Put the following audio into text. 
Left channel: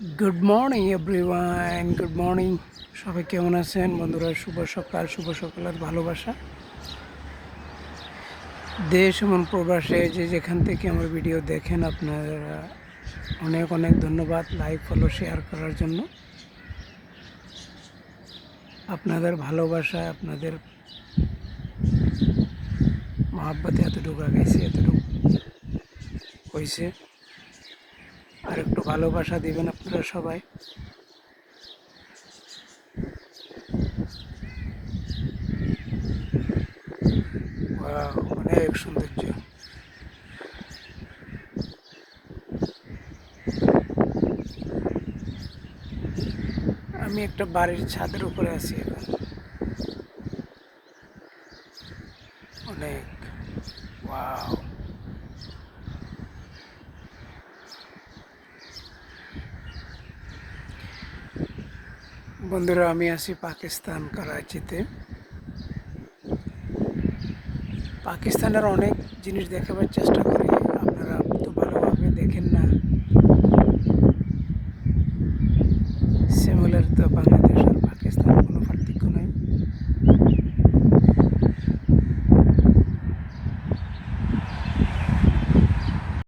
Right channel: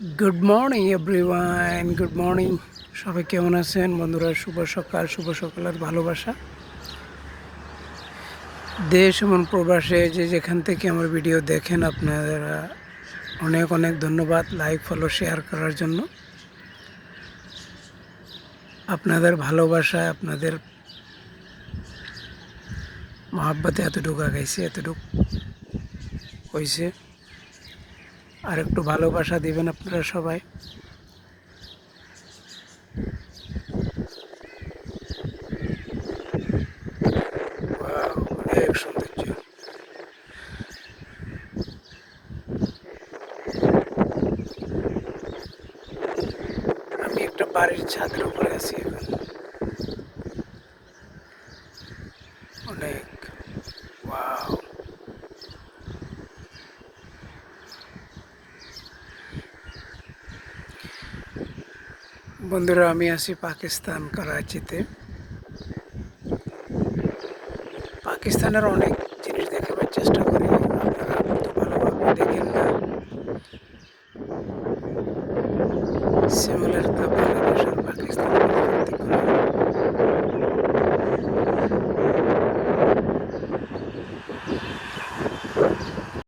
Good morning everyone, good morning. সবাই কেমন আছেন বন্ধুরা? শুভ সকাল, শুভ সকালের ভালোবাসা। দেশ এবং প্রবাসে যে যেখান থেকে আমার ভিডিও দেখেন, আপনারা অনেক অনেক ধন্যবাদ লাইক, ফলো, শেয়ার করার জন্য। আপনাদের ভালোবাসায়, আপনাদের মহাব্বতে এতটুকু আগাইছে, এতটুকু হয়েছে। আর একটু ভালোবাসা দিবেন আপনারা সবাই। ওয়াও, অনেক সৌন্দর্য। আমি একটা বাড়ির ছাদের উপরে আছি এখন। অনেক ওয়াও। বন্ধুরা, আমি আছি পাকিস্তান, করাচিতে। পাকিস্তানের অনেক জিনিস দেখাবার চেষ্টা করি, আপনারা